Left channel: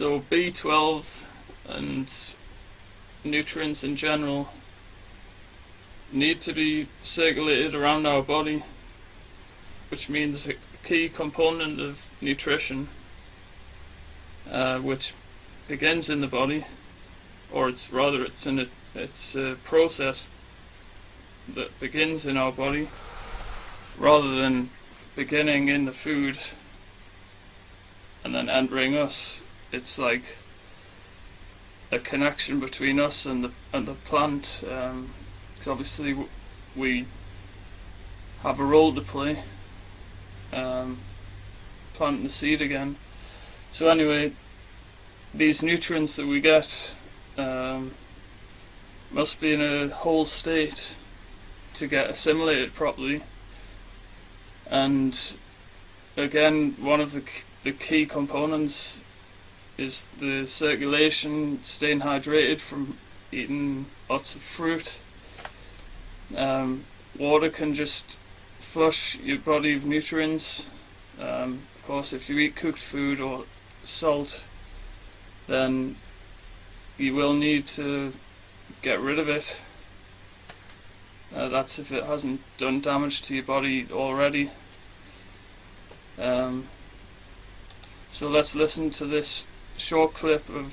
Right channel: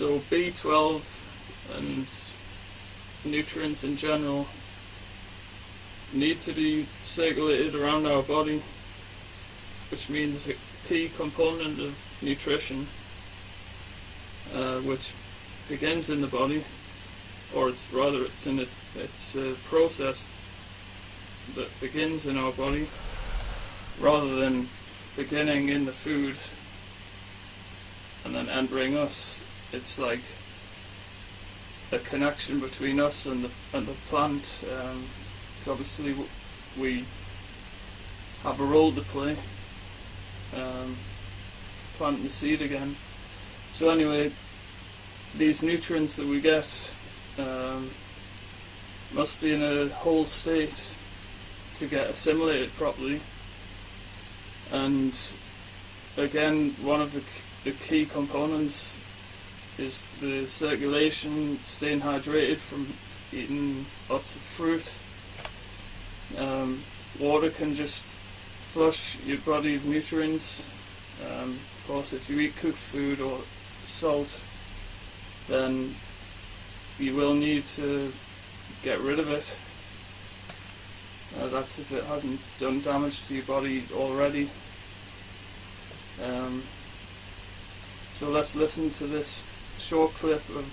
So B12 and nutrients in general need to be circulated around our body, which means a key component of nutrition, which begins in the body, or it's a process that begins in our body rather than beginning in the food and then entering us. It's like a connection between us and the plant, because obviously we have a role to play, planting the seed again. So anyway, these nutrients that we get must be in a whole state to get assimilated properly. And again, one of the key components is the circulation, staying hydrated from eating lots of fruit. Water can just flush your body of nutrients. Of course, if you eat cooked food or salt, then you will need to get rid of it. That's if it hasn't done damage to your body already. So let's listen to this short clip of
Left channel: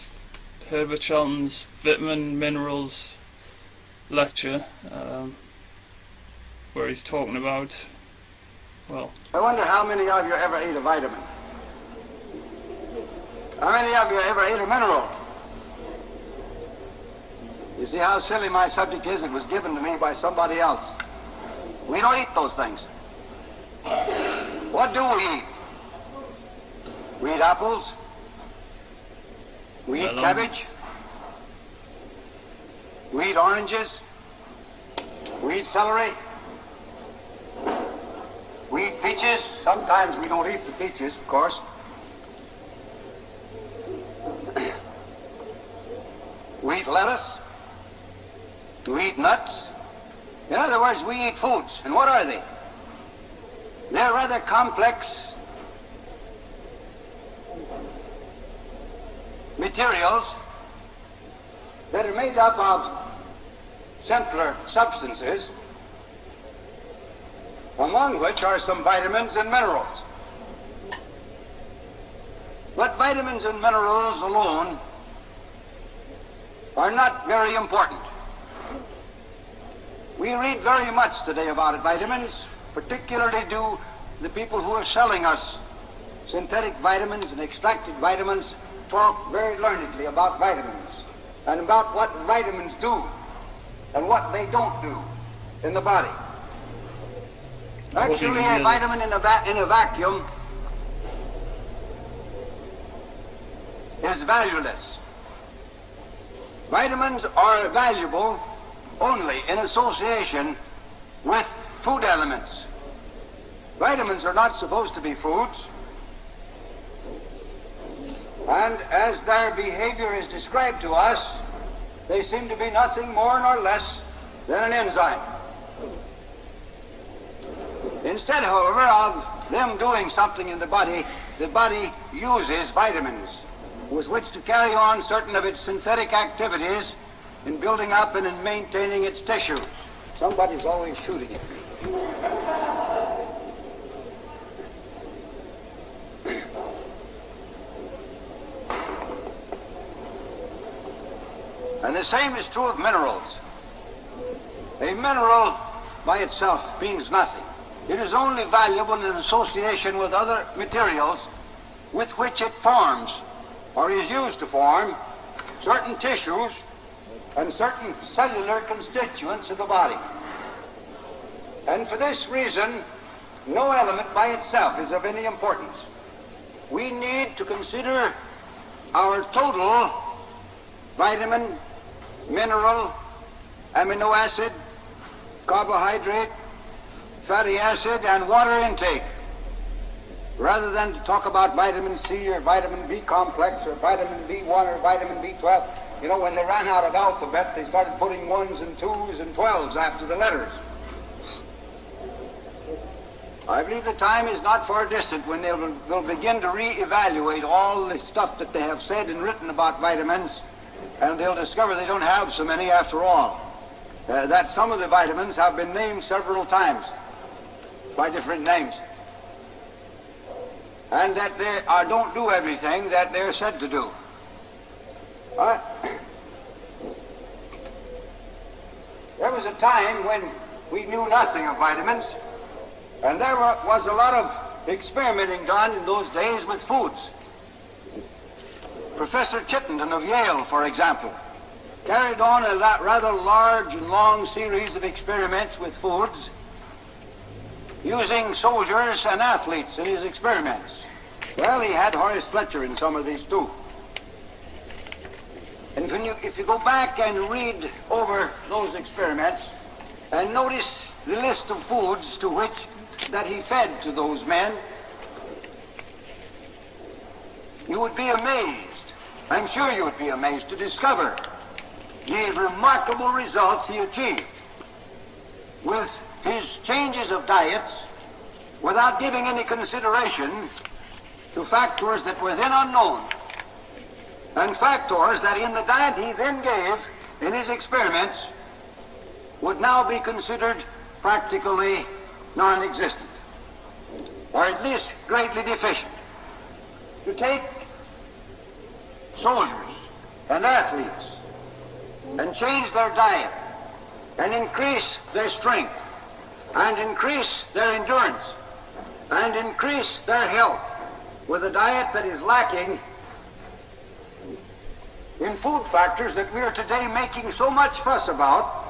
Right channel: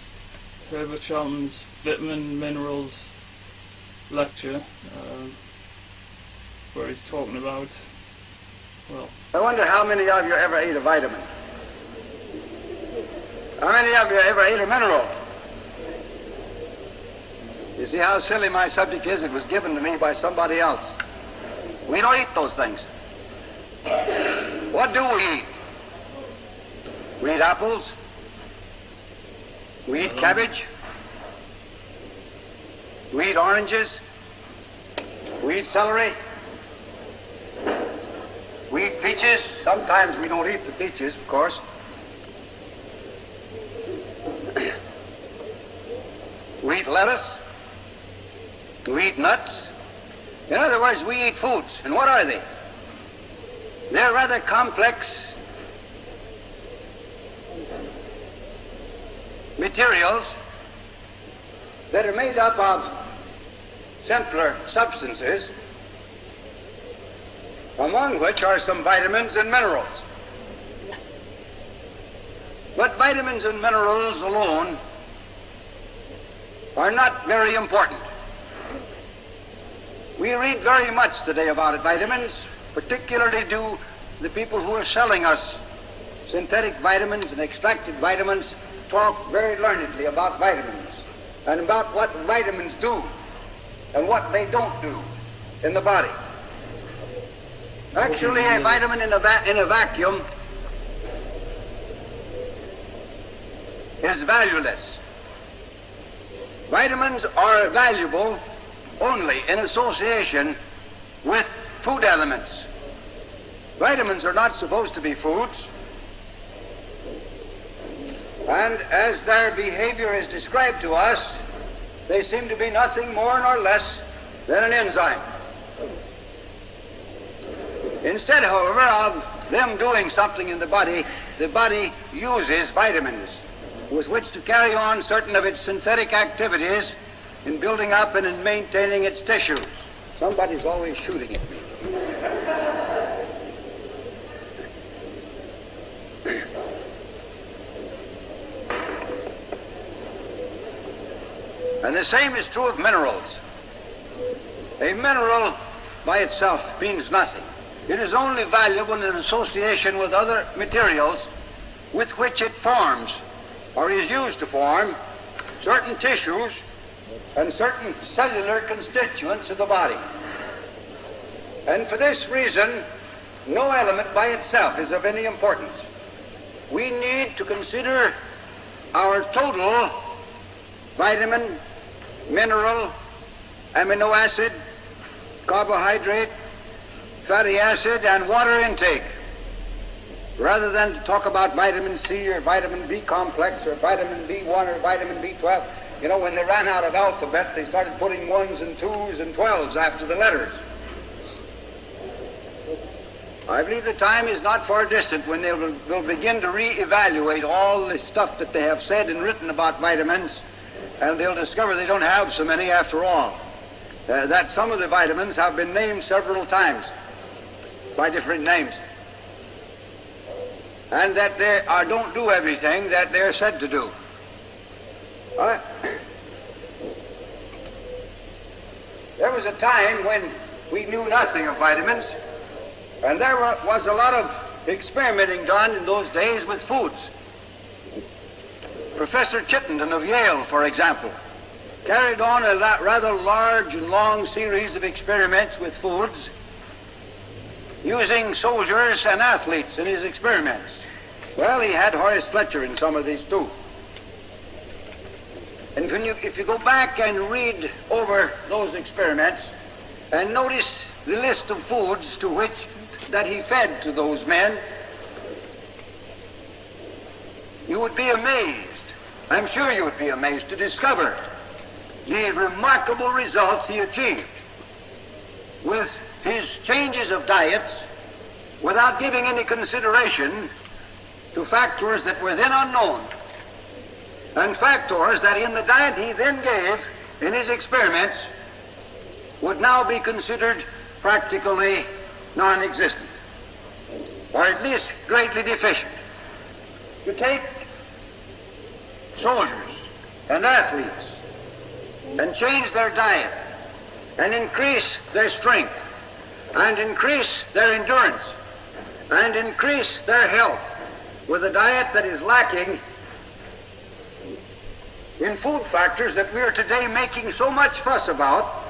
Herbert Shelton's Vitamin Minerals lecture, where he's talking about, well... I wonder how many of you ever ate a vitamin? How many of you ever ate a mineral? You see how silly my subject is? It was given to me by somebody else. We don't eat those things. What do we eat? We eat apples. We eat cabbage. We eat oranges. We eat celery. We eat peaches. Sometimes we don't eat the peaches, of course. We eat lettuce. We eat nuts. In other words, we eat foods. And what are they? They're rather complex materials that are made up of simpler substances, among which are some vitamins and minerals. But vitamins and minerals alone are not very important. We read very much today about vitamins, particularly do the people who are selling us synthetic vitamins and extracted vitamins talk very learnedly about vitamins and about what vitamins do and what they don't do in the body. Actually, a vitamin in a vacuum is valueless. Vitamins are valuable only in association with food elements. Vitamins are not supposed to be foods, and as their behavior is described to us, they seem to be nothing more nor less than an enzyme. Instead, however, of them doing something in the body uses vitamins with which to carry on certain of its synthetic activities in building up and in maintaining its tissues. Somebody's always shooting at me. And the same is true of minerals. A mineral by itself means nothing. It is only valuable in association with other materials with which it forms or is used to form certain tissues and certain cellular constituents of the body. And for this reason, no element by itself is of any importance. We need to consider our total vitamin, mineral, amino acid, carbohydrate, fatty acid, and water intake, rather than to talk about vitamin C or vitamin B complex or vitamin B1 or vitamin B12. You know, when they ran out of alphabet, they started putting 1s and 2s and 12s after the letters. I believe the time is not far distant when they'll begin to re-evaluate all the stuff that they have said and written about vitamins, and they'll discover they don't have so many after all. That some of the vitamins have been named several times by different names, and that they don't do everything that they're said to do. There was a time when we knew nothing of vitamins, and there was a lot of experimenting done in those days with foods. Professor Chittenden of Yale, for example, carried on a rather large and long series of experiments with foods, using soldiers and athletes in his experiments. Well, he had Horace Fletcher in some of these too. And if you go back and read over those experiments and notice the list of foods that he fed to those men, you would be amazed. I'm sure you would be amazed to discover the remarkable results he achieved with his changes of diets without giving any consideration to factors that were then unknown, and factors that in the diet he then gave in his experiments would now be considered practically non-existent, or at least greatly deficient. To take soldiers and athletes and change their diet and increase their strength and increase their endurance and increase their health with a diet that is lacking in food factors that we are today making so much fuss about,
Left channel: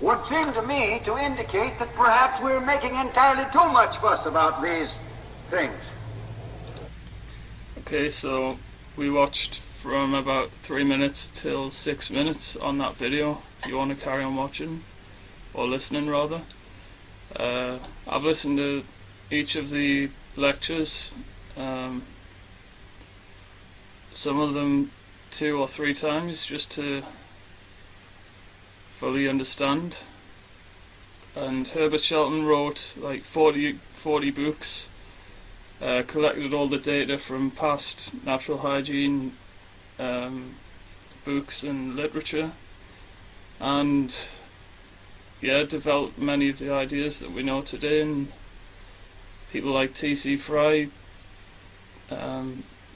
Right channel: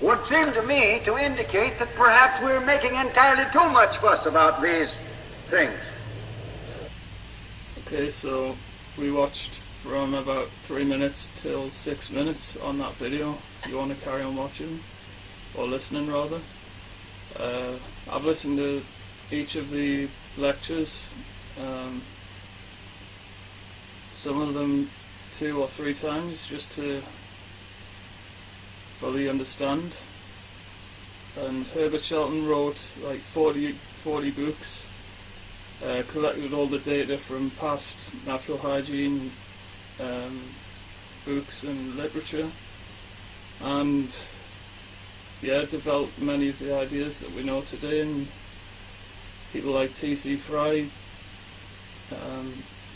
would seem to me to indicate that perhaps we're making entirely too much fuss about these things. Okay, so we watched from about 3 minutes till 6 minutes on that video, if you want to carry on watching, or listening rather. I've listened to each of the lectures, some of them 2 or 3 times, just to fully understand. And Herbert Shelton wrote like 40 books, collected all the data from past natural hygiene books and literature, and developed many of the ideas that we know today. And people like T.C. Fry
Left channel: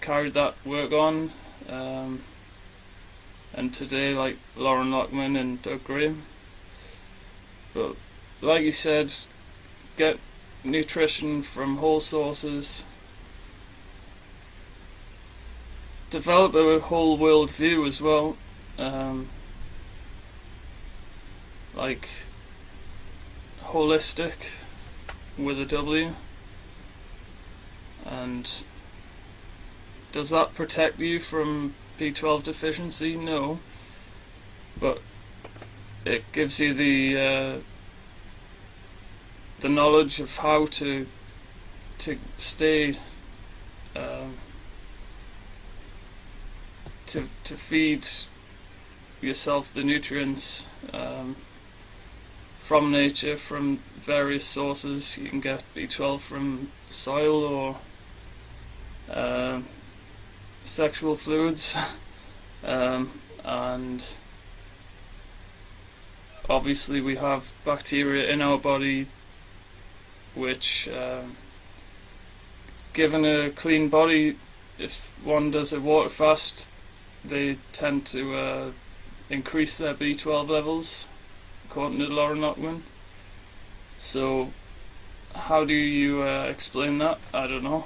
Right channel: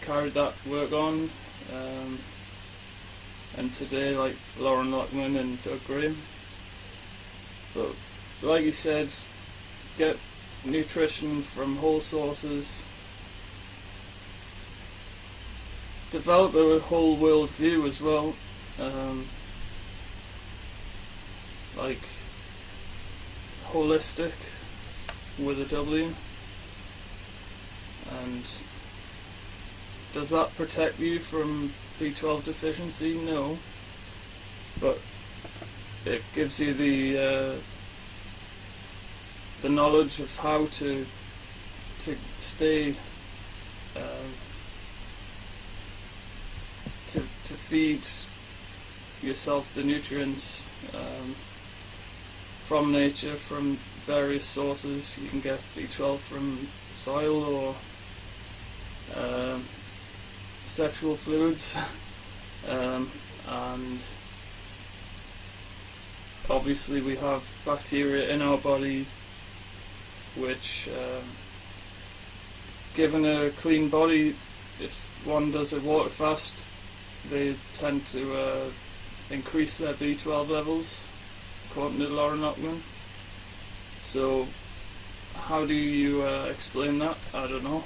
carried that work on, and today like Lauren Lockman and Doug Graham. But like you said, get nutrition from whole sources, develop a whole world view as well, like holistic with a W. And does that protect you from B12 deficiency? No, but it gives you the knowledge of how to stay to feed yourself the nutrients from nature, from various sources. You can get B12 from soil or sexual fluids, and obviously we have bacteria in our body which, given a clean body, if one does a water fast, they tend to increase their B12 levels, according to Lauren Lockman. So how do you explain that? I don't know,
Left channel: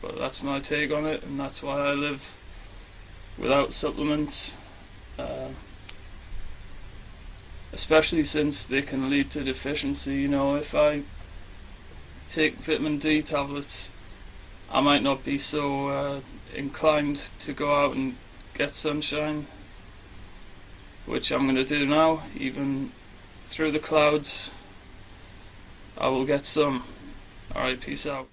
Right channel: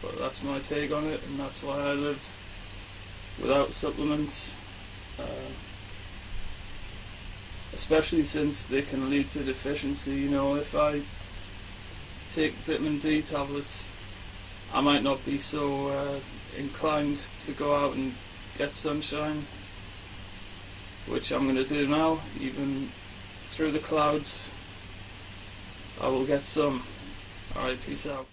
but that's my take on it, and that's why I live without supplements, especially since they can lead to deficiency. You know, if I take vitamin D tablets, I might not be so inclined to go out and get sunshine, which I'm going to do now. Even through the clouds, I will get some. Alright, peace out.